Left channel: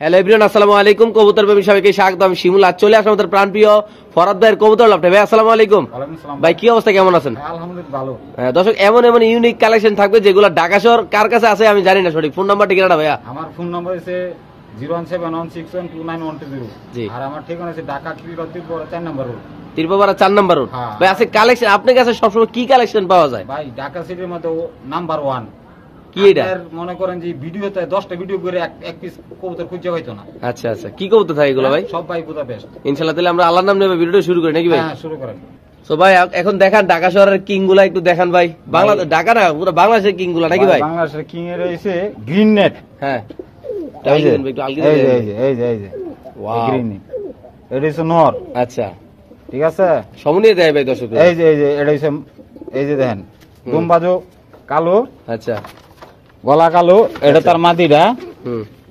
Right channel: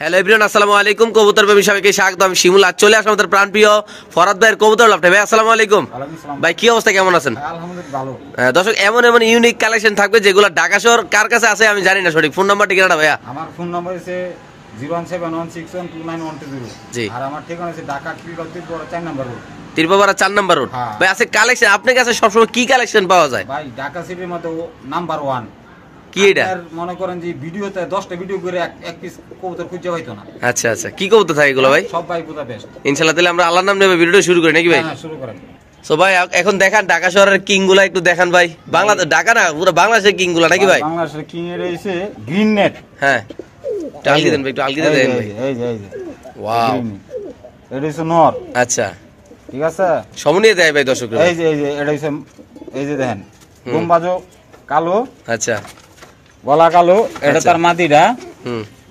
Hello everyone, আসসালামু আলাইকুম। কবুতর প্রেমী সবাইকে স্বাগত। আমি শিমুল। আজ চলে আসলাম আমাদের প্রাণপ্রিয় ফরাদ ভাইয়ের কবুতর লফটে। ভাই আসসালামু আলাইকুম। ভাই কি অবস্থা, কেমন আছেন? আলহামদুলিল্লাহ ভালো। দর্শক, এমন এমন ইউনিক কালেকশন থাকবে যেগুলো ঢাকা শহর কার কাছে আছে আমি জানি না। সঠিক ফোন নাম্বার ঠিকানাটা ভাইয়া? আমার ফোন নাম্বার হচ্ছে 01716129120। জি। আর আমার ঠিকানা হচ্ছে ঢাকা ত্রিপুরা 4 নম্বর রোড। ত্রিপুরা 4 নম্বর রোড। ভাই আছে কালেকশন, আপনার কাছে সবসময় কি কালেকশন পাওয়া যায়? ভাই ঢাকা সিটির মধ্যে নাম্বার 1। কি এটা? মনে করেন যে ভিডিওতে 10টা ভিডিও করে এক পিস কবুতর খুঁজে পাইতো না। আচ্ছা আচ্ছা, কি কবুতর থাকে এগুলো ভাই? সব ভাই বুদাপেস্ট। ইনশাআল্লাহ তাহলে আমরা আল্লাহর নাম নেবে ভিডিওটা শুরু করি নাকি ভাই? হ্যাঁ, শুরু করেন। সো ভাই এখন দেখান ঢাকা শহরের কিং গুলা একটু দেখান ভাই। বাংলাদেশ, ঢাকা না পুরো বাংলাদেশের কিং গুলা নাকি ভাই? বাংলাদেশের কিং এর হইছে গ্রিন নেট। হ্যাঁ, একটু আলগি দেন ভাই, একটু আলগি দেন ভাই। এই যে ওয়াও, এটা হইছে নর। আচ্ছা ঠিক আছে, সমনিয়ে দেয় ভাই দর্শকরা। এই যে এটা হইছে, এই যে দেখেন গম্বাজো কালো, আচ্ছা গলা কালো, এটা তার মাদিরা।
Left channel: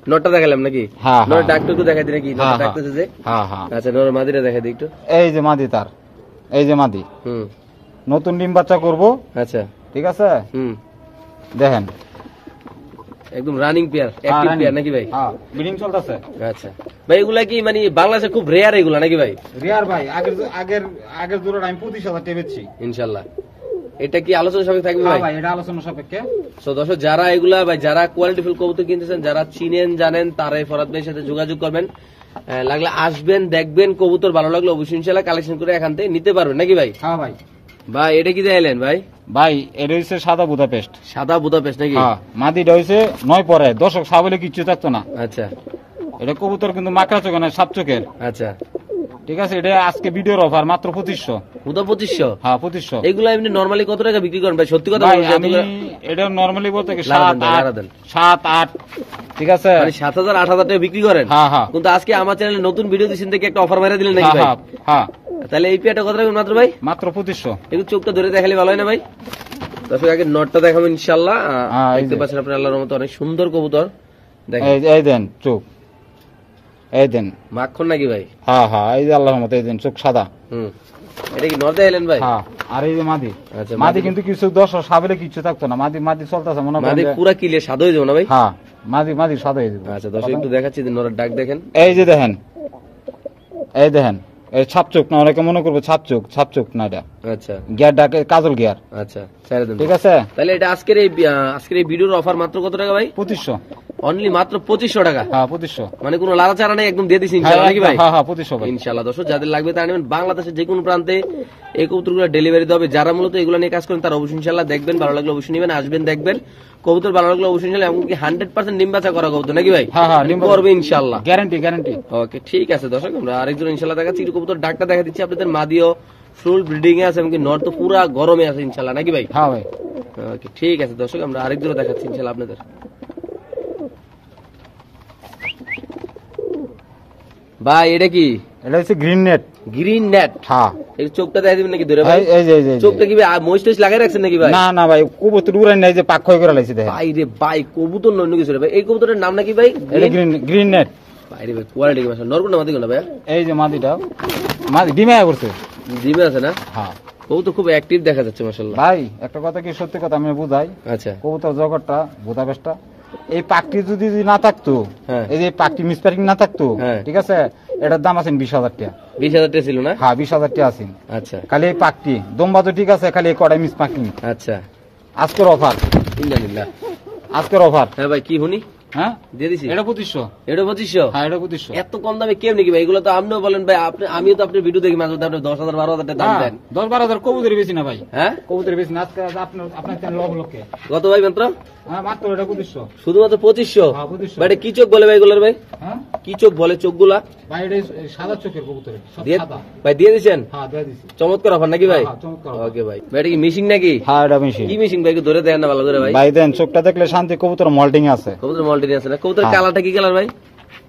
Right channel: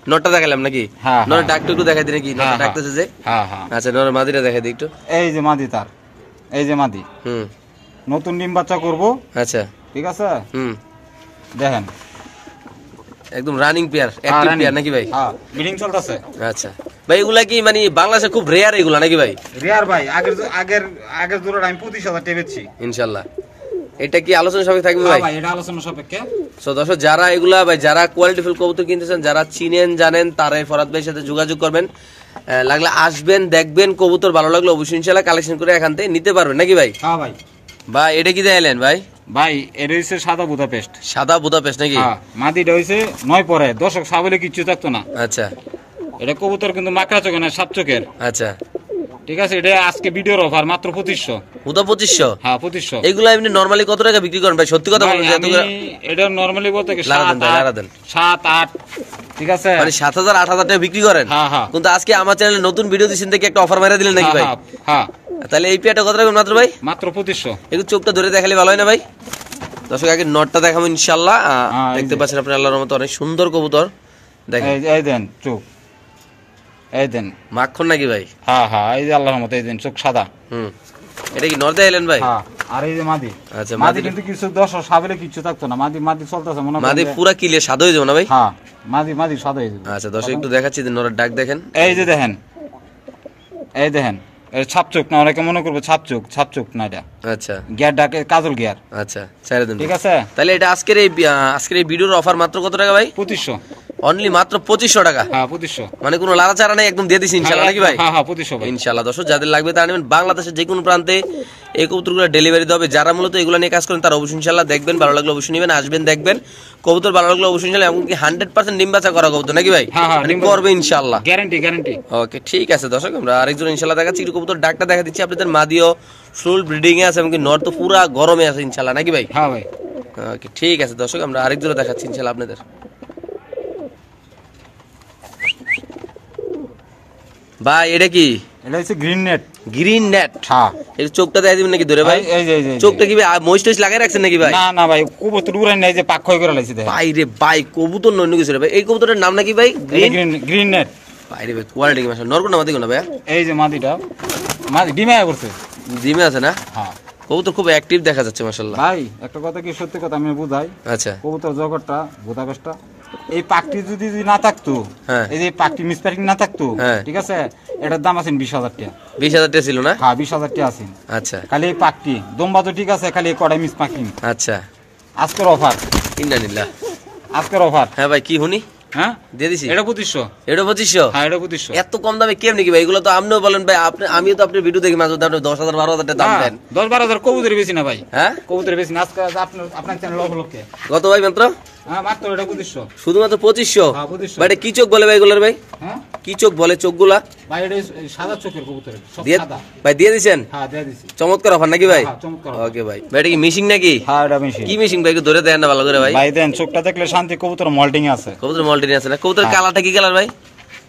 নটটা দেখালাম নাকি? হ্যাঁ, নরের ডাকটা একটু দেখাই দিন নাকি? নটটা ডাকতেছে যে। হ্যাঁ হ্যাঁ, আচ্ছা নরের মাদিরা দেখাই দিই একটু। এই যে মাদি তার, এই যে মাদি নতুন ডিম বাচ্চা করব। আচ্ছা ঠিক আছে, দেখেন একদম রানিং পেয়ার, অ্যাক্টিভ পেয়ার নাকি ভাই? হ্যাঁ, ব্রিডিং চলতেছে। আচ্ছা ভাই, এগুলা কি মানে বাংলাদেশে খুব রেয়ার এগুলা নাকি ভাই? রিয়ার ভাই, আগের জোড়া আমি 25,000 টাকা বেচছি ইনশাআল্লাহ। এটা কি আলোচনা সাপেক্ষে থাকবে ভাই? ভাই এটা আলোচনা সাপেক্ষে। সো দর্শক, যারা এগুলা ভাই, যারা কোয়ালিটিফুল কবুতর কিনতেছেন, যারা চিনেন জানেন, তারা এই ফরাদ ভাইয়ের সাথে যোগাযোগ করবেন। লাগলে আসবেন, দেখবেন, কবুতর ভালো লাগলো অবশ্যই ইনশাআল্লাহ কালেকশন করে এখান থেকে নিতে পারবেন নাকি ভাই? হ্যাঁ ভাই। ভাই এটা কি দেখাইলেন ভাই? ভাই এটা হইছে সাদা বুদাপেস্ট। সাদা বুদাপেস্ট নাকি? হ্যাঁ, মাদিটা হইছে 9 পরে, দর্শক সাবলে কিচ্ছু থাকতো না। আচ্ছা, এটা কবুতর কিন্তু মাকড়া চোখে না, সাত চোখের। আচ্ছা ঠিক আছে, এটা আজকে ভিডিওর অফার মাত্র 2500। উদা 2500? হ্যাঁ 2500। এগুলা এমনি নরমালি কত টাকা বিক্রি করেন ভাই? সত্যি কথা বলুন। এটা নরমালি বলতে কি 7 8। ঠিক আছে, মানে 7000 8000 টাকা বিক্রি করেন। হ্যাঁ হ্যাঁ। কিন্তু আজকে আমার চ্যানেলে নতুন ভিডিও দিছেন দেখে একটা অফার মেরে দিলেন নাকি ভাই? হ্যাঁ। তাহলে এই পেয়ারটা কত রাখবেন মাত্র ভাই? মাত্র 2500। একটু চোখটা ধরে দেখালে ভালো হয় না ভাই? দর্শক আগে নটটা দেখাবো ইনশাআল্লাহ। দেখতে পাচ্ছেন আপনার আল্লাহর রহমতে অনেক সুন্দর কবুতর। দেখেন এই দেন চোখ, এই দেন মাখন নাকি ভাই? হ্যাঁ হ্যাঁ, এই যে আল্লাহর রহমতে এই দেন চোখ সাদা। এটা কি নর দেখাইলেন ভাই? হ্যাঁ। আর এই যে মাদি। আচ্ছা, মাদি কিন্তু কিছু দর্শক সাবলে কিচ্ছু থাকতো না। মাদি চলতেছে মনে হয়। মাদি পুরা ক্লিয়ার সাদা হয়ে যাবে না ভাই? হ্যাঁ, মাদি সাদা হয়ে যাবে। আচ্ছা দর্শক একটু দেখাচ্ছি যে নরের ডাক দেখেন। এই যে দেখেন, এই দেখেন, এই ছাপ চোখ না, অনেকে মনে করবে ছাপ চোখ না, এটা আচ্ছা গিয়ার ডাকে কাজল গিয়ার। আচ্ছা ছেড়ে দেন। ঠিক আছে, তাহলে এটা আজকের এই ভিডিওর অফার মাত্র কত টাকা ভাই? 2500। অনলি মাত্র 2500 টাকা? হ্যাঁ 2500। মানে কোনো লাড়াচাড়া নেই, একদম দিয়ে দিছি ইনশাআল্লাহ নাকি ভাই? হ্যাঁ হ্যাঁ 2500 ভাই ইনশাআল্লাহ। দর্শক যাদের লাগবে তারা নেবেন। বাংলাদেশের যে কোনো প্রান্তে এই কবুতরগুলো ডেলিভারি দেওয়া হবে। যারা মূলত এগুলো নিয়ে কাজ করেন তারা অবশ্যই ইনশাআল্লাহ দেখবেন, ভালো লাগলে অবশ্যই নেবেন, আসবেন দেখবেন কবুতর ভালো লাগলে অবশ্যই ইনশাআল্লাহ। এমনকি 100% ডিম বাচ্চা করা কবুতর নাকি ভাই? হ্যাঁ হ্যাঁ, করবে ইনশাআল্লাহ, গ্যারান্টি। ওকে ঠিক আছে দর্শক, আমরা আরেকজন ইনশাআল্লাহ দেখাচ্ছি। কবুতর ডাকটা দেখা দিচ্ছি আপনাদের। মাদিও ফুল ব্রিডিং এ আছে, এমনকি নর তো পুরা গরমে আছে ইনশাআল্লাহ নাকি ভাই? হ্যাঁ ভাই। ওকে ঠিক আছে দর্শক, আমরা আরেকজন দেখাচ্ছি ইনশাআল্লাহ আপনাদের। ভাই এটা কি? এটা হচ্ছে গ্রিন নেট। Green net? হ্যাঁ। এই চোখটা দেখা দিবেন নাকি ধরে ভাই? এই যে চোখটা কি ভাই মহিষ টইস লাগাই রাখছেন নাকি ভাই? না ভাই, কবুতর উড়াই নাই যে পাক ক্ষয় করে লাইছে। ভাই রে ভাই, কবুতর নন্য কিছু রে ভাই। এই কবুতরের নাম নাকি ভাই? Green net. ভাই রে ভাই, কোয়ালিটি কি মাশাআল্লাহ। নরকোনা মাদি কোনা ভাই? এই যে মাদিটা, মাদি ডিমে আয় করছে। ডিমে আছে না? হ্যাঁ। কবুতর খুব অ্যাক্টিভ দেখা যাচ্ছে মাশাআল্লাহ। ভাই একটা কথা কি সত্যি কথা আমি বুঝাই। আচ্ছা। কবুতর জগৎটা বুদাপেস্টটা, এই পাকটি যদি না থাকতো, এই যে পাকটি মিসপার্কিং না থাকতো, ঠিক আছে, এটার দাম আছে 20,000 টাকা। 20,000 টাকা ছিল না? হ্যাঁ 20,000 টাকা আছে। আচ্ছা। খালি এই পাকটি দম্বা তো ঠিক আছে, খালি এই কড়াই মিসপার্কিং। আচ্ছা। আজকের অফার, ইন্নালিল্লাহ, আজকের অফার। হ্যাঁ ভাই কি হুনি? হ্যাঁ দিয়ে দিছি। এটা 2500। এটা 2500? হ্যাঁ এটা 2500। এত কম দামে কেমনে কি ভাই? এগুলো তো আপনিও বলেন ভাই, আমিও তো আপনার ভিডিও দেখি মাঝে মধ্যে আপনি 10,000 12,000 টাকা দাম দেন। 10-12,000 কবুতর বেশি না ভাই। হ্যাঁ কবুতর বেশি না। আজকে আপনার চ্যানেল লক্ষ্যে কত ভাই মাত্র? হ্যাঁ মাত্র এটা 2500। শুধুমাত্র 2500? হ্যাঁ 2500। ভাই এটা কি চোখ বলে ভাই এগুলোর ভাই? হ্যাঁ কি চোখ বলে চোখগুলা? ভাই এটা সাদা চোখের কবুতর, সব সাদা। ভাই দিয়ে দিবেন? হ্যাঁ দিয়ে দিছি। চমৎকার অফার নাকি ভাই? হ্যাঁ চমৎকার। ওকে ভাই। ভাই এটা কি মিশিং নাকি? হ্যাঁ এটা মিশিং। কি মিশিং ভাই? একটু ধরে দেন না ভালো করে ভাই। ভাই দেন, চোখটা দেখলে শান্তি। কবুতর মল্টিং আছে। কবুতর মল্টিং আছে না? কবুতর কালারটা কি কালার ভাই?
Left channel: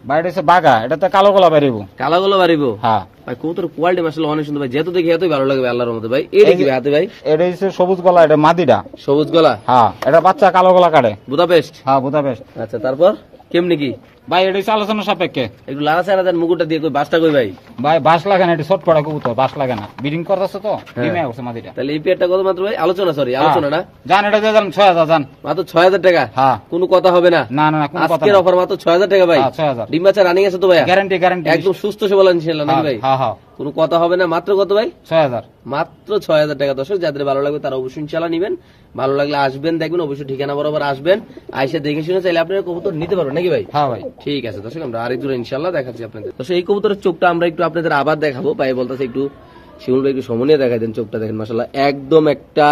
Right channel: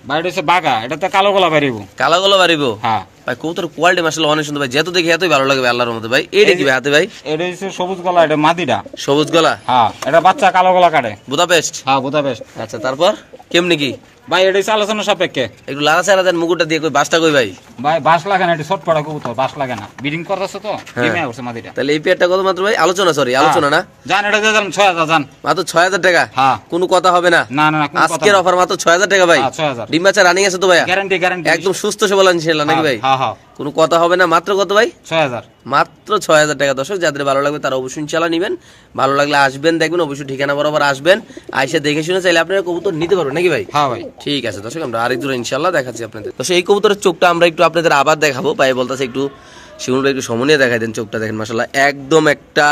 ভাই এটা হচ্ছে বাঘা, এটা তো কালো গলা বাড়িব। কালো গলা বাড়িব? হ্যাঁ। ভাই কবুতর কোয়ালিটি মাশাআল্লাহ অনেক সুন্দর ভাই, যেহেতু দেখি এতই ভালো লাগে আল্লাহর রহমতে ভাই। এটা কি ভাই হাতে ভাই? এটা হচ্ছে সবুজ গলা, এটা মাদিটা। সবুজ গলা? হ্যাঁ, এটা বাচ্চা কালো গলা কাটে। বুদাপেস্ট? হ্যাঁ, বুদাপেস্ট। আচ্ছা, তারপর কেমনি কি ভাই? এটা হচ্ছে আলোচনা সাপেক্ষে। একটু লালা ছাড়া দেন, মুকুটটা দিয়ে কই বাসটা কই ভাই? ভাই বাস লাগে না, এটা ছোট পড়া কবুতর, বাস লাগে না, ব্রিডিং করতেছে তো, ডিমে আছে মাদিটা। তাহলে এই পেয়ারটা কত মাত্র ভাই? আলোচনা, সরি আলোচনা না, জান এটা দিয়ে দেন 6000 জান। মাত্র 6000 টাকা? হ্যাঁ। কোনো কথা হবে না? না না, কোনো কথা আজকের অফার মাত্র 6000 টাকা ভাই। 6000। ডিম বাচ্চা রানিং আছে তো ভাই? গ্যারান্টি, গ্যারান্টি একদম সুস্থ সবল ইনশাআল্লাহ নাকি ভাই? হ্যাঁ হ্যাঁ, কোনো কথা হবে না। মাত্র কত ভাই? 6000। মাত্র 6000 টাকা। দর্শক যাদের ভালো লাগবে তারা অবশ্যই ইনশাআল্লাহ নেবেন, ভালো লাগলে আসবেন, দেখবেন অবশ্যই ঠিকানা বরাবর আসবেন, আইসা দেখে শুনে চাইলে আপনারা কবুতর নিতে পারবেন নাকি ভাই? হ্যাঁ ভাই, ঠিক আছে দর্শক, আমরা আরেক জোড়া ইনশাআল্লাহ দেখাচ্ছি আপনাদের। দর্শক এই কবুতরের চোখটা আমরা একটু আপনাদের আবার দেখাবো, ভাই বলতেছে একটু শিমুল ভাই একটু সমনিয়ে দেখাই দেন। চোখটা দেখেন মাশাআল্লাহ, একদম একটা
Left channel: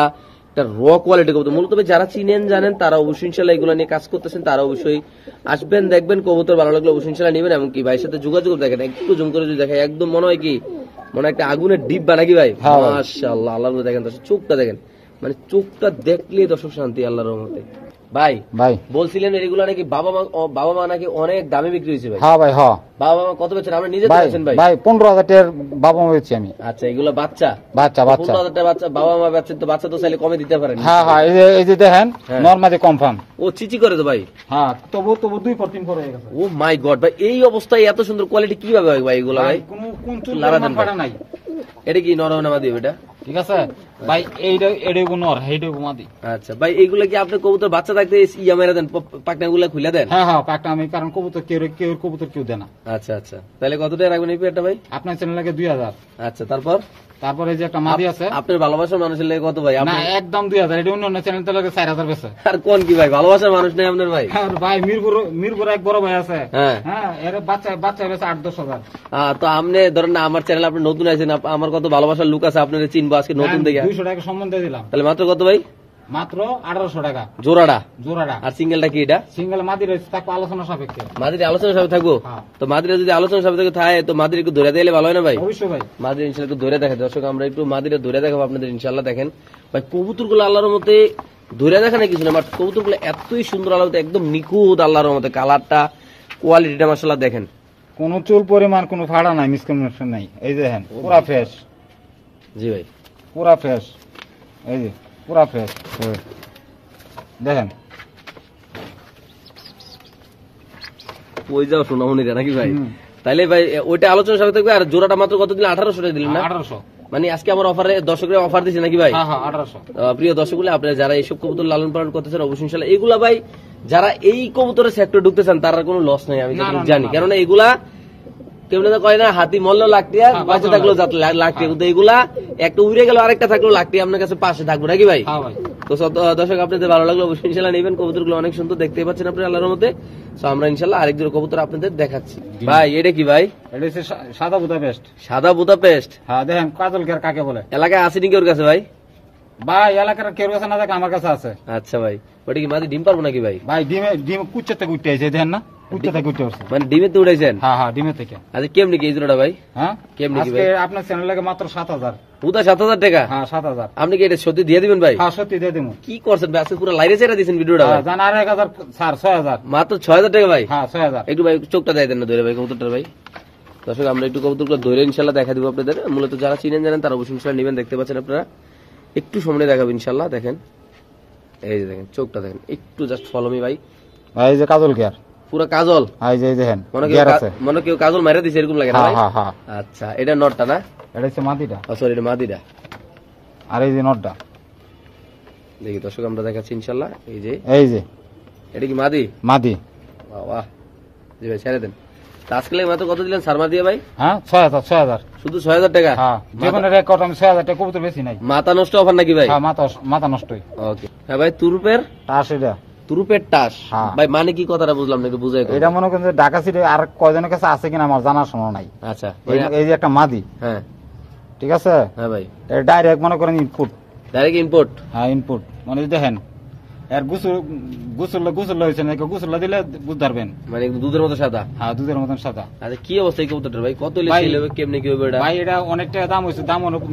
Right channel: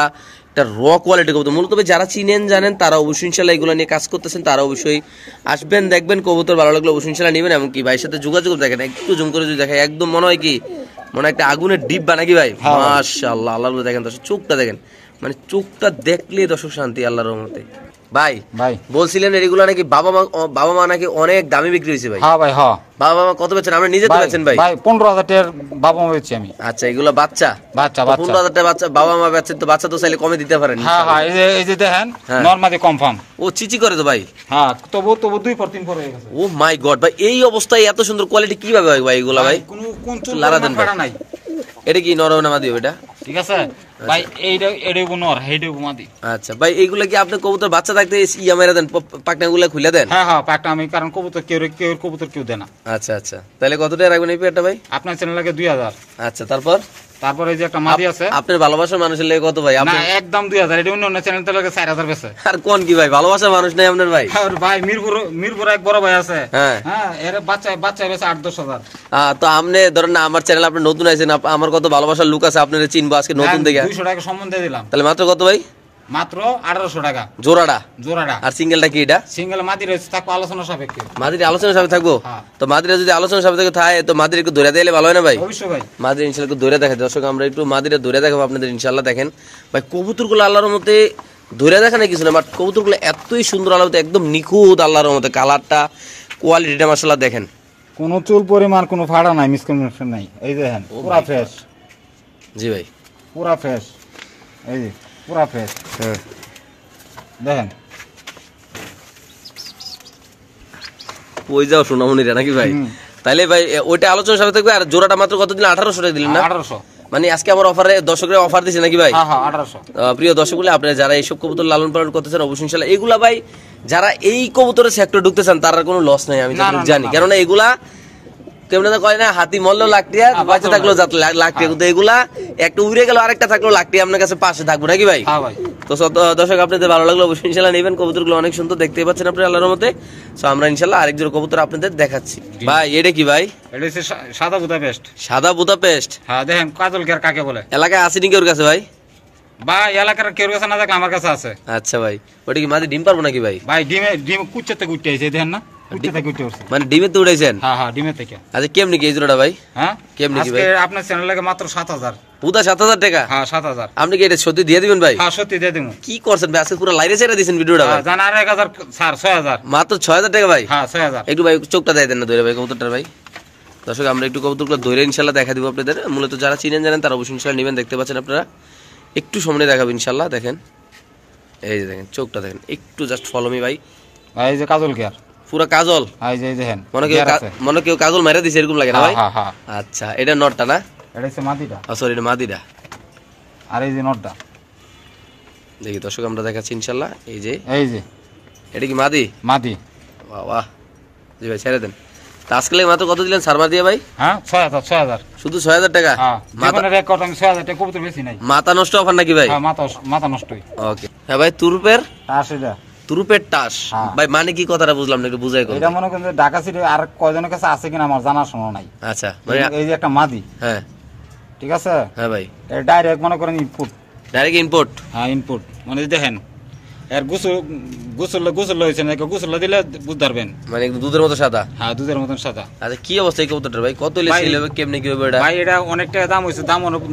র কোয়ালিটি কবুতর। মূলত যারা চিনেন জানেন তারা অবশ্যই ইনশাআল্লাহ এগুলো নিয়ে কাজ করতেছেন, তারা অবশ্যই আসবেন, দেখবেন কবুতর ভালো লাগলে অবশ্যই ইনশাআল্লাহ নেবেন। এমনকি ভাইয়ের সাথে যোগাযোগ দেখেন, একটু জুম করে যদি দেখেন, একদম মনে হয় কি মনে একটা আগুনের ডিব্বা নাকি ভাই? মাশাআল্লাহ, আল্লাহর দেখেন দর্শক, চোখটা দেখেন, মানে চোখটা দেখলে দর্শক শান্তি আল্লাহর রহমতে। ভাই ভাই বলছিলেন এগুলো নাকি বাবা মা নাকি অনেক দামে বিক্রি হয়েছে ভাই? হ্যাঁ ভাই, হ্যাঁ। বাবা মা কত বেচেন? আমরা নিজে তো বেচেন ভাই? ভাই 15000 টাকার বাবা মা বেচছি আমি। আচ্ছা, এগুলো বাচ্চা? বাচ্চা, বাচ্চা। 15000 টাকা বাচ্চা বাবা মা বেচেন, তো বাচ্চা তো চাইলে কমে দিতে পারেন। হ্যাঁ হ্যাঁ, এই যে দেখেন নরমালি কনফার্ম। ও চিচি করে তো ভাই? হ্যাঁ, তবু 2 পর 3 পর হয়ে গেছে। ও মাই গড ভাই, এই অবস্থায় এত সুন্দর কোয়ালিটি কিভাবে হয় ভাই এগুলা ভাই? কোন চুল ফাটা নাই। এটা কি নরম না মাদি এটা? ঠিক আছে ভাই, এইটাই নর, এইটাই মাদি। আচ্ছা ভাই, এইগুলা কি আপনি কবুতর বাচ্চা থাকতে ইয়া মেরে দেন, পাকনাগুলা খুলে দেন? হ্যাঁ হ্যাঁ, পাকনা আমি, কারণ কবুতর কেউ কবুতর কেউ দেয় না। আচ্ছা আচ্ছা, তাহলে কত টাকা রাখবেন এই পেয়ারটা ভাই? আপনার চ্যানেল লাগে 2000। আচ্ছা, তারপর এই যে একটা মাদি আছে। আপনার ভালোবাসার মানুষের লাগে কত ভাই? না, একদম 2000। এটা অন্য চ্যানেল তো লাগে 4000 বেচে। আর কোন কি ভাই, ভালোবাসার মানুষ নাই আপনার ভাই? আর ভাই মিরপুর এক বড় ভাই আছে। হ্যাঁ হ্যাঁ, এর বাচ্চা বেচে 8-10 হাজার। তো আপনি ধরেন না, আমার চ্যানেল আপনি নতুন আছেন, আমার কত ভালোবাসার লোক আছে, আপনারা চিনবো আজকে নতুন দেখে। 200 টাকা সম্বন্ধ দিলাম। তাহলে মাত্র কত ভাই? মাত্র 1800 টাকা জোড়াটা? জোড়াটা। আর সিঙ্গেলটা কি এটা? সিঙ্গেল মাদির থাকবো আলোচনা সাপেক্ষে। মাদির আলোচনা সাপেক্ষে থাকবো? হ্যাঁ। তো মাদিরা যদি আলোচনা সাপেক্ষে থাকে তো মাদির একটু ধরে দিলে ভালো হয় না ভাই? অবশ্যই ভাই, মাদির ইনশাআল্লাহ একটু ধরে দেখে। দর্শক আমরা একটু মাদিরা ধরে দেখাবো আপনাদের ইনশাআল্লাহ। দেখেন ভাই কবুতরগুলো আল্লাহর মতে ধরে দেখা না কিছু না, বাট কবুতরগুলো এতই সুন্দর আল্লাহর মতে, একদম নিখুঁত আল্লাহর মতে। কালারটা, কোয়ালিটিটা মাশাআল্লাহ দেখেন, কোন চুল পরিমাণ কোনো ফাড়া নাই, মিসকমিউনিকেশন নাই। এই দেখেন পুরা ফ্রেশ। জি ভাই, পুরা ফ্রেশ, এই যে পুরা ফ্রেশ। হ্যাঁ দেখেন ওই যাও সোনামণিরা নাকি ভাই? তাইলে ভাই ওইটা আলোচনা সাপেক্ষে থাকবে। আর জোড়াটা মাত্র কত দিলেন? 1800 টাকা দিলেন না? 1800। মানে আজকে আমার অফারে দর্শকরা অফার দিছে নাকি ভাই? হ্যাঁ হ্যাঁ, 1800। প্রিয় দর্শক বলে আপনারা যারা এইসব কবুতর লালন পালন করতেছেন অবশ্যই ইনশাআল্লাহ এগুলা ভাই, যারা এই কবুতরের সেক্টরে ঢুকতে চান তার কোনো লস নাই, আমি যতটুকু জানি। কেননা এগুলা কেমন কয় না, হাতি মরলেও লাখ টাকা, বাচ্চা থাকলেও লাখ টাকা, কিন্তু এগুলা একটা উড়ে গেল আরেকটা থাকলেও লাখ টাকা আপনার কাছে পাশে থাকবো নাকি ভাই? তো দর্শক আপনাদের ভালো লাগলো অবশ্যই ইনশাআল্লাহ নেবেন। কবুতরগুলো অনেক সুন্দর, দেখতে পাচ্ছেন আপনি আল্লাহর মতে। সো আমরা ইনশাআল্লাহ আরেক জোড়া কবুতর আপনাদের দেখাচ্ছি। ভাই এটা কি ভাই? এটা হচ্ছে সাদা বুদাপেস্ট। সাদা বুদাপেস্ট? হ্যাঁ, দেখেন কাজল কেয়ার কাকে বলে। এলাকায় আছে নাকি ওর কাছে ভাই? ভাই এলাকার কেউ কাছে না, দেখলে আমার কাছে আছে। আচ্ছা ভাই, ওটা কি মাঝে ডিম পারবো নাকি ভাই? ভাই ডিম কুচ্চা থেকে উঠতে আইছে, দেখেন না, কুচ্চা থেকে উঠতে আসছে। মানে ডিমে তো উঠাইছেন? হ্যাঁ হ্যাঁ, ডিমে থেকে। আচ্ছা কেমনি কি এই জোড়াটা ভাই? হ্যাঁ, কেমনি কি ভাই? আজকে আপনার চ্যানেল লাগে মাত্র 7000। পুরা 7000 টাকা? হ্যাঁ 7000। আপনি কি এটা সত্যি দিয়ে দিবেন ভাই? হ্যাঁ সত্যি দিয়ে দেবো। কি করছেন ভাই, আজকে পুরো লাইরে ছেড়ে দিয়েছেন ভিডিওটা ভাই। জান আর 1000 স্যার, 6000। মাত্র 6000 টাকা ভাই? হ্যাঁ 6000। একটু ভাই চোখটা দিয়ে দেন না ধরে ভাই কবুতরটার ভাই। দর্শক আমরা একটু কবুতরগুলো ধরে ইনশাআল্লাহ দেখা দিব আপনাদের। মূলত যারা চিনেন জানেন তারা অবশ্যই ইনশাআল্লাহ নেবেন, দেখতে পাচ্ছেন আপনারা। একটু সামনে দেখাবো ইনশাআল্লাহ। দেখেন এই যে দেখেন চোখটা দেখেন, একটু জাস্ট ফলো মি ভাই। ভাই এই যে কাজল কেয়ার, পুরা কাজল। এই যে দেখেন মনে কেউ কাজল মাইরা দিছে এরকম লাগে না ভাই? হ্যাঁ হ্যাঁ। আচ্ছা, এটা নটটা না? এটা হচ্ছে মাদিটা। সরি, এটা মাদিটা। আর এই যে নটটা দেখি দর্শক আমরা দেখাচ্ছি ইনশাআল্লাহ। এই যে এটা কি মাদি? মাদি। বাহ বাহ, জি ভাই ছেড়ে দেন। আজকে মাত্র কত দিলেন সারমা দিয়ে ভাই? হ্যাঁ 6000। শুধু 6000 টাকা? হ্যাঁ, জীবনের রেকর্ড আমি 6000 টাকা কবুতর বেশি নাই। মাথা নষ্ট অফার নাকি ভাই? হ্যাঁ, মাথা নষ্টই। ওকে। হ্যাঁ ভাই, তুরুপের টাসিটা, তুরুপের টাস ভাই, মানে কি কথাটা বুঝলাম না, একটু বুঝাই কোন। এটা মনে করেন যে ঢাকা সিটি আর কয়জনের কাছে আছে কিনা আমার জানা শোনা নাই। আচ্ছা, মানে এই যে একটা মাদি। হ্যাঁ ঠিক আছে। হ্যাঁ ভাই, এটা ডাইরেক্ট মনে করেন ইনপুট। Direct input? হ্যাঁ ইনপুট, মানে দেখেন এর গোসল হয়েছে না, গোসল দিলে বুঝতে পারবেন। মানে দুধের মতো সাদা? হ্যাঁ, দুধের মতন সাদা। আচ্ছা, কি অবস্থা এই কবুতরটার ভাই? কত হলে সেল হবে, কেমনে কি হবে এটা? ভাই এটা অনেক টাকা দাম হয়েছে।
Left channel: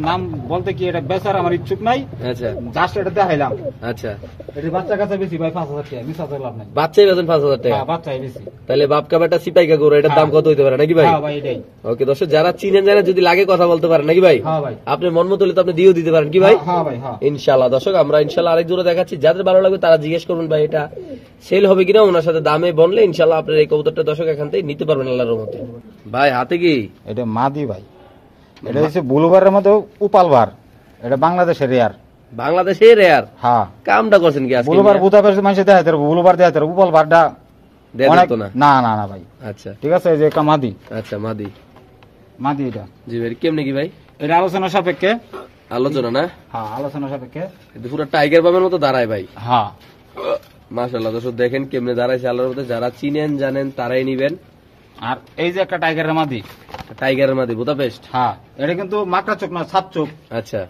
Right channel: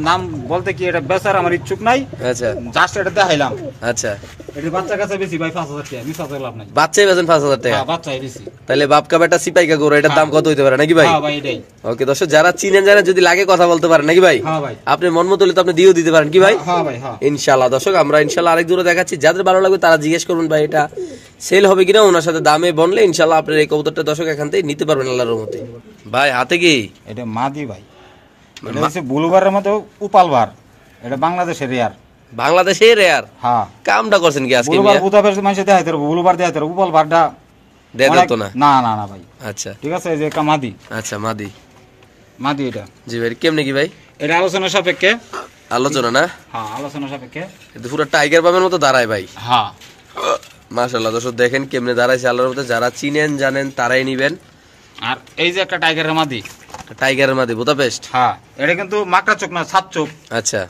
নাম বলতে কি, এটা বেচার আমার ইচ্ছুক নাই। আচ্ছা, জাস্ট এটা দেখাইলাম। আচ্ছা, এটি বাচ্চা কাছে বেশি ভাই 5000 টাকা, মিস আছে লাভ নাই। বাচ্চাই বেচেন 5000 টাকা? হ্যাঁ, বাচ্চাই বেশি। তাহলে বাপ কা বেটা সিপাইকা গরু, এটার দাম কত হইতে পারে নাকি ভাই? হ্যাঁ ভাই, এটাই। ওকে দর্শক, যারা চিনেন জানেন, যদি লাগে কথা বলতে পারেন নাকি ভাই? হ্যাঁ ভাই। আপনি মন মতো হলে তো আপনি দিয়েও দিতে পারেন কি ভাই? হ্যাঁ ভাই, হ্যাঁ ইনশাআল্লাহ। দর্শক, আমরা ইনশাআল্লাহ আরেক দূরে দেখাচ্ছি, যাদের ভালো লাগবে তারা জিজ্ঞেস করবেন ভাই এটা সেল হবে কিনা, ওনার সাথে দামে বললে ইনশাআল্লাহ আপনার এই কবুতরটা দর্শক এখান থেকে নিতে পারবেন আল্লাহর রহমতে। ভাই হাতে কি এটা মাদি ভাই? এটা হচ্ছে বুলুবারের মতো উপালবার। এটা বাংলাদেশের রেয়ার। বাংলাদেশে রেয়ার? হ্যাঁ। কামটা করছেন কি আজকে? বুলুবার বুদাপেস্ট মানুষে দেখাইতে পারবো, বুলুবার দেখাইতে পারবো, উপালবারটা দেয় তো না? না না না ভাই। আচ্ছা, ঠিক আছে, এই যে একটা মাদি। আচ্ছা, মাদি এটা। জি ভাই, কেমনে কি ভাই? এটা আলোচনা সাপেক্ষে। আলোচনা না? হ্যাঁ, আলোচনা সাপেক্ষে। এটা পুরো টাইগার বামের মতো দাঁড়ায় ভাই। হ্যাঁ মাশাআল্লাহ। দর্শক দেখেন কেমনে দাঁড়াইছে আল্লাহর মতো, যারা চিনেন জানেন তারাই নিবেন। আর এই যে একটা টাইগারের মাদি। টাইগারের মাদি বুদাপেস্ট? হ্যাঁ, এটা কিন্তু মাকড়া চোখ না, সাত চোখ। আচ্ছা,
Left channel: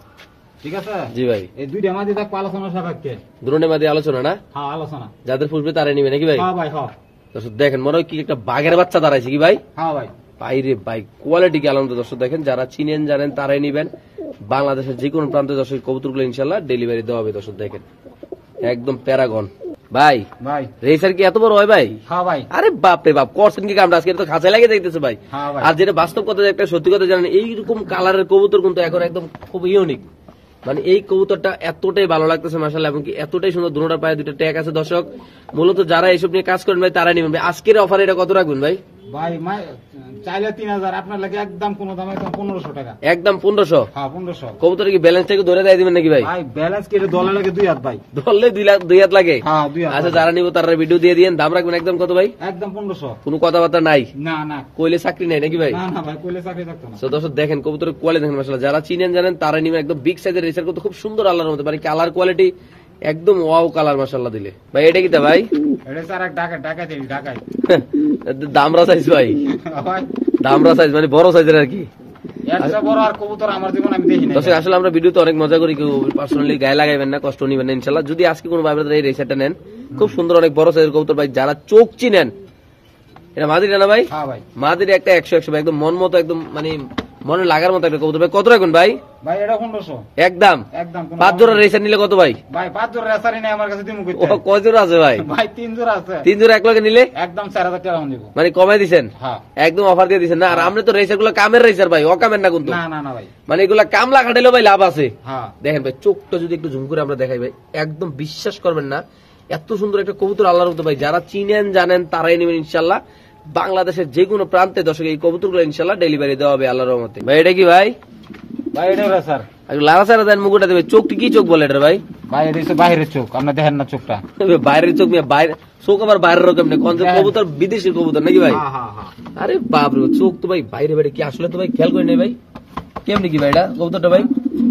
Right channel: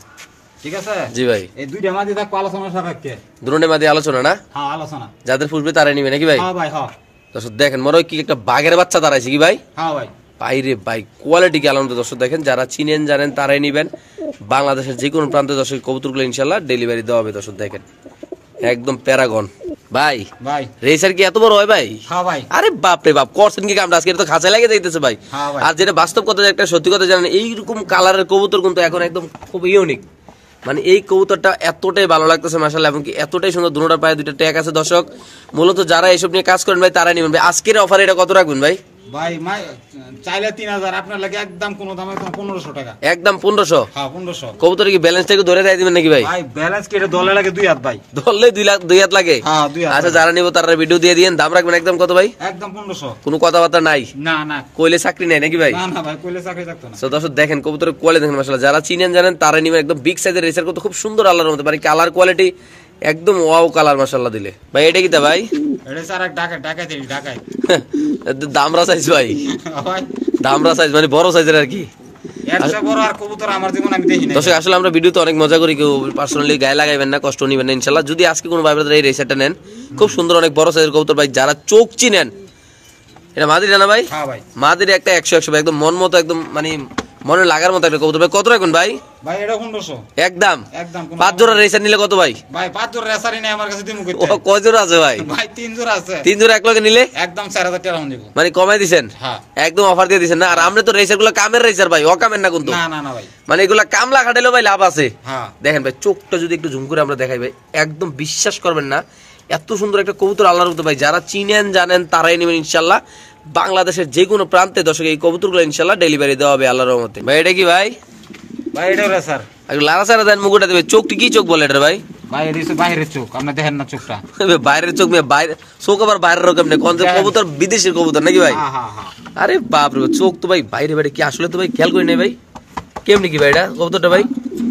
ঠিক আছে জি ভাই। এই দুইটা মাদি দেখো আলোচনা সাপেক্ষে। দুরনে মাদি আলোচনা না? হ্যাঁ, আলোচনা। যাদের পুষবে তারাই নিবে নাকি ভাই? হ্যাঁ ভাই, হ্যাঁ। দর্শক দেখেন, মনে হয় কি একটা বাঘের বাচ্চা দাঁড়াইছে কি ভাই? হ্যাঁ ভাই। বাইরে ভাই কোয়ালিটি কি আলাদা। দর্শক দেখেন, যারা চিনেন জানেন তারাই নিবেন। বাংলাদেশের যে কোনো প্রান্তে দর্শক কবুতরগুলো ইনশাল্লাহ ডেলিভারি দেওয়া হবে। দর্শক দেখেন একদম প্যারাগন ভাই। ভাই রেসার কি এত বড় হয় ভাই? হ্যাঁ ভাই। আরে বাপ রে বাপ, করছেন কি আমরা আজকে? তো খাঁচায় লাগে যাইতেছে ভাই। হ্যাঁ ভাই। আর যেটা বাস্তব কথা, একটা সত্যি কথা জানেন, এইরকম কালারের কবুতর কিন্তু এখন একদম খুব ইউনিক। মানে এই কবুতরটা এতটাই ভালো লাগতেছে মাশাআল্লাহ, এবং কি এতটাই সুন্দর। দুটোটার পায়ে দুটো ট্যাগ আছে দর্শক। মূলত যারা এইসব নিয়ে কাজ করেন ভাই তারা নিবেন ভাই। আজকের অফার এটা কত রাখবেন ভাই? ভাই চাইলে 3000, আপনার লাগে একদম কোন দামে 1500 টাকা। একদম 1500? হ্যাঁ, 1500। কবুতরে কি ব্যালেন্সটা একটু ধরে দিয়ে দিবেন নাকি ভাই? ভাই ব্যালেন্স কি এটা দলে লাগে 2 হাত ভাই? ধরলে 2 হাত লাগে? হ্যাঁ, 2 হাত। আচ্ছা, যারা নিব তারা ভিডিও দিয়ে দিয়েন। দাম রাখবেন একদম কত ভাই? একদম 1500। কোনো কথাবার্তা নাই? না না, কইলে চাকরি নাই নাকি ভাই? না না ভাই, কইলে চাকরি থাকতো না। সো দর্শক দেখেন কবুতরের কোয়ালিটি দেখেন মাশাআল্লাহ, যারা চিনেন জানেন তারা নিবেন। একদম বিগ সাইজের রেসার কত খুব সুন্দর আল্লাহর মতো, মানে কালার কোয়ালিটি একদম ওয়াও কালার মাশাআল্লাহ দিলে। ভাই এটা কি তা ভাই? এটা স্যার এক ঢাকায় দামরা সাইজ ভাই? ভাই দামরা সাইজ মানে বড় সাইজের আর কি। একটা বড় আর কবুতর আমার জীবন আমি দেখি না। দর্শক আসলে আমরা ভিডিওতে অনেক মজা করি, কেউ পার্সোনালি গায়ে লাগাইবেন না, কষ্ট নিবেন না ইনশাআল্লাহ। যদি আজকে কোনো ভাই ব্রাদার এই রেসারটা নেন, খুব সুন্দর অনেক বড় সাইজের কবুতর ভাই, যারা চোখ চিনেন। এটা মাদিরা না ভাই? হ্যাঁ ভাই। মাদিরা একটা 100 ভাই, একদম মন মতো, একদম মানে মনে লাগার মতো একটা কবুতর ভাই। কত রাখবেন ভাই? ভাই এটা 1500 একদম। একদম। 5 জোড়া রেসার নিলে কত ভাই? ভাই 5 জোড়া রেসারই নেই আমার কাছে, দিমু কইতে। ও কয় জোড়া আছে ভাই? ভাই 3 জোড়া আছে। 3 জোড়া এক লগে নিলে একদম 4000 টাকা দিব। মানে কমাই দিবেন? হ্যাঁ, একদম অফার দিয়ে দিবেন না? আর আমরা তো রেসার গুলো কামের রেসার ভাই, অকামের না কিন্তু। না না না ভাই, মানে এগুলা কামলা খাটাইলেও ভাই লাভ আছে। হ্যাঁ দেখেন ভাই, চোখটা যদি একটু ঝুম করে আমরা দেখাই ভাই, একদম বিশ্বাস করবেন না, এত সুন্দর একটা কবুতর আল্লাহর মতো ভাই। যারা চিনেন জানেন তারাই নেবেন ইনশাআল্লাহ। বাংলাদেশের যে কোনো প্রান্তে দর্শক এই কবুতরগুলো ইনশাআল্লাহ ডেলিভারি দেওয়া হবে আল্লাহর রহমতে। ভাই এটা কি ভাই? ভাই এটা রেসার। আর লারা সারা দেন মুকুটা দেবে। চোখটি কি চোখ বলে এটা ভাই? ভাই এটা হচ্ছে বাইরের চোখ, আপনি দেখেন না চোখটা? বাইরের চোখ? বাইরে চোখ আবার বাইরের রকম নেই, কোন কবুতর বিদেশের কবুতর নাকি ভাই? হ্যাঁ হ্যাঁ হ্যাঁ। আরে বাপ রে, চোখ তো ভাই বাইরে বাইরে কি আসলে তো ভাই খেয়াল করি নাই ভাই। কেমনি কি ভাই এটা কবুতরটা ভাই?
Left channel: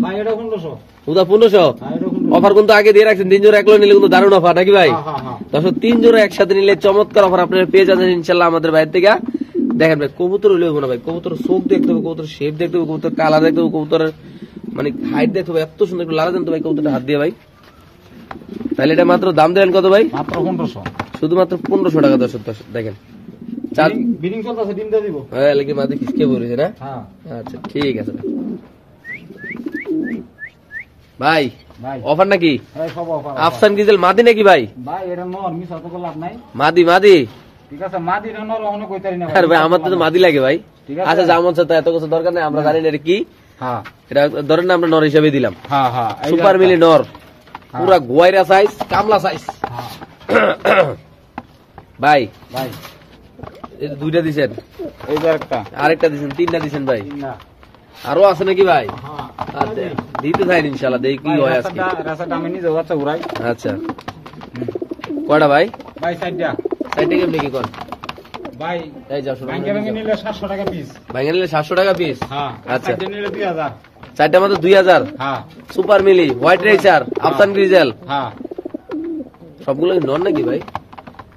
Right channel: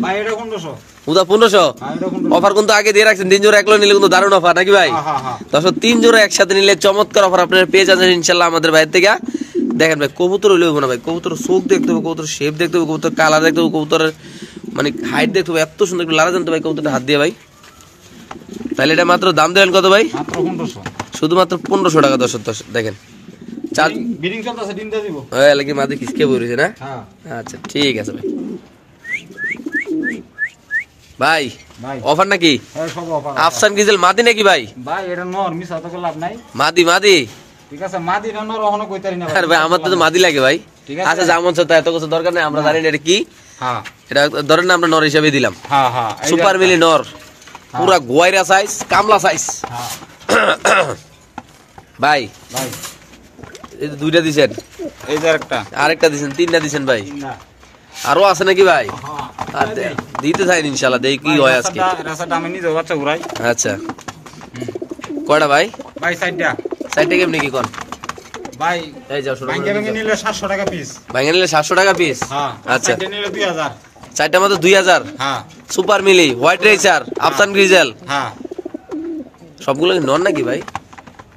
ভাই এটা 1500। উদা 1500? হ্যাঁ, এটা 1500। অফার কিন্তু আগে দিয়ে রাখছেন, 3 জোড়া একলো নিলে কিন্তু দারুণ অফার নাকি ভাই? হ্যাঁ হ্যাঁ হ্যাঁ। দর্শক 3 জোড়া একসাথে নিলে চমৎকার অফার আপনারা পেয়ে যাচ্ছেন ইনশাআল্লাহ আমাদের বাইরে থেকে। দেখেন ভাই, কবুতর হইলেও না ভাই, কবুতর চোখ দেখতে হবে, কবুতর শেপ দেখতে হবে, কবুতর কালার দেখতে হবে, কবুতরের মানে হাইট দেখতে হবে। এত সুন্দর লারা জানতো ভাই কবুতরটা হাত দিয়ে ভাই। তাহলে এটা মাত্র দাম দেবেন কত ভাই? মাত্র 1500। শুধুমাত্র 1500 টাকা। দর্শক দেখেন বিডিং চলতেছে, ডিম দিয়ে দিব। হ্যাঁ, লাগি মাদি কিসকে বলেছে না? হ্যাঁ আচ্ছা ঠিক আছে ভাই। ভাই ভাই অফার নাকি? হ্যাঁ, সব অফার। আফসান গ্রিজেল মাদি নাকি ভাই? ভাই এটা নর, মিছা তো লাভ নাই। মাদি মাদি? ঠিক আছে, মাদি এটা নর ওখানে কইতারি না আরে ভাই আমার তো মাদি লাগে ভাই। ঠিক আছে। আচ্ছা যেমন তো এত কিছু দরকার নেই, আমরা জানি না এটা কি। হ্যাঁ এটা ধরেন না আমরা নর হিসাবে দিলাম। হ্যাঁ হ্যাঁ, সুপার মিলি নর, পুরা গোয়াইরা সাইজ, কামলা সাইজ। হ্যাঁ ভাই ভাই এই যে 2টা দিবেন, এই যে একটা, আরেকটা দিবেন, 3টা দিবেন ভাই। না আরো আছে নাকি ভাই? হ্যাঁ আচ্ছা, দিতে চাই ইনশাআল্লাহ, দেখি কি হয় আজকে। রাস্তাটা আমি নিজে বাচ্চা ঘুরাই। আচ্ছা কয়টা ভাই? ভাই সাইডটা কেমনি কি কোন ভাই? এই যাও শুরু ভাঙ্গে ভাঙ্গে নিলে 700 টাকা পিস। ভাঙা নিলে 700 টাকা পিস? হ্যাঁ। আচ্ছা, সাইডে নিলে 2000। চারটা মাত্র 2000? হ্যাঁ সুপার মিলি, হোয়াইট রেসার, আফসান গ্রিজেল, হ্যাঁ। সবগুলো নন নাকি ভাই?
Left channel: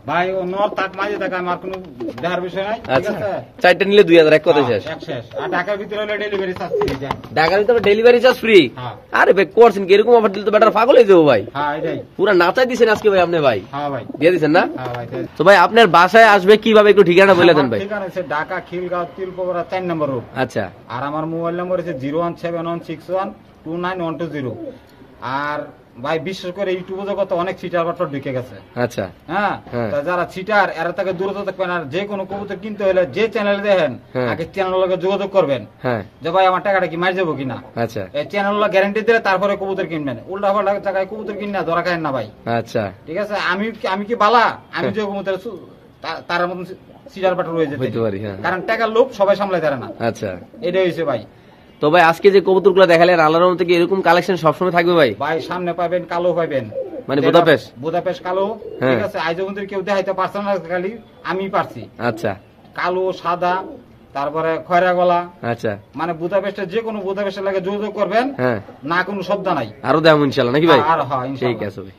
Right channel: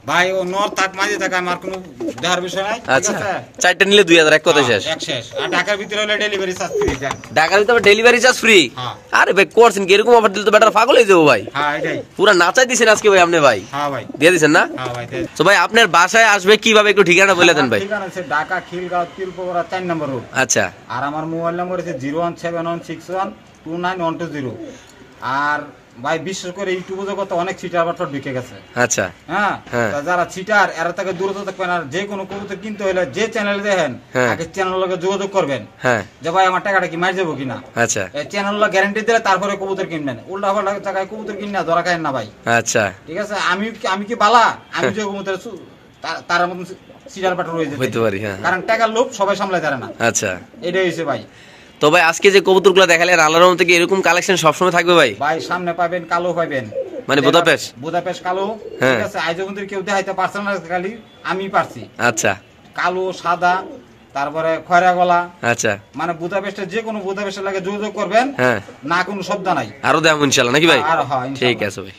ভাই ও নর থাক মাঝে থাক আমার কোনো দেখার বিষয় নাই, ঠিক আচ্ছা আছে? 4টা নিলে 2000 এক কথা শেষ। এক শেষ। আর ঢাকার ভিতরে হলে ডেলিভারি চার্জ ফ্রি দেন। ঢাকার ভিতরে ডেলিভারি চার্জ ফ্রি? হ্যাঁ। আরে ভাই করছেন কি এরকম অফার দিলে তো বেটার পাগল হয়ে যাবো ভাই। হ্যাঁ এটাই। পুরা নাচাই দিছেন আজকে ভাই আপনি ভাই। হ্যাঁ ভাই দিয়ে দিছেন না? হ্যাঁ ভাই। তো ভাই আপনার বাসায় আসবে কিভাবে একটু ঠিকানা বলে দেন ভাই। ঠিকানা আছে ঢাকা খিলগাঁও তিলপোগড়া 4 নম্বর রোড। আচ্ছা আর আমার মোবাইল নাম্বার হচ্ছে 01716129120। আর ভাই বিশেষ করে ইউটিউবে জগতে অনেক চিটার বাটপার ঢুকে গেছে। আচ্ছা হ্যাঁ তা যারা চিটার এরা থেকে দূরত্ব থাকবেন। আর যে কোনো কবুতর কিনতে হলে যে চ্যানেল দেখেন আগে চ্যানেলের লগে যোগাযোগ করবেন যে ভাই আমার টাকাটা কি মার যাবো কিনা। আচ্ছা এই চ্যানেল গ্যারান্টি দিলে তারপরে কবুতর কিনবেন। উল্টা পাল্টা জায়গায় কবুতর কিনা ধরা খায় না ভাই। আচ্ছা ঠিক আছে? আমি কি বালা আমি যে কবুতর তার মতন চিটার বাটর হয়ে যেতে হইতে পারি। হ্যাঁ কারণ টাকার লোভ সবাই সামলাতে পারে না। আচ্ছা এটাই হয়েছে ভাই। তো ভাই আজকে যে কবুতরগুলো দেখালেন আল্লাহর রহমতে কি এরকম কালেকশন সবসময় থাকবে ভাই? ভাই সামনে পাবেন কালো পাবেন, মানে বুদাপেস্ট কালো, ঠিক আছে? আজ পর্যন্ত কেউ দেখাইতে পারছে না, খালি আমি পারছি। আচ্ছা কালো সাদা তারপরে খয়রা গলা। আচ্ছা মানে বুদাপেস্টের যে কোনো বুদাপেস্টের লাগে যোগাযোগ করবেন, না কোনো শব্দ নাই। আরো দেখাবো ইনশাআল্লাহ নাকি ভাই? আর হ্যাঁ ঠিক আছে ভাই।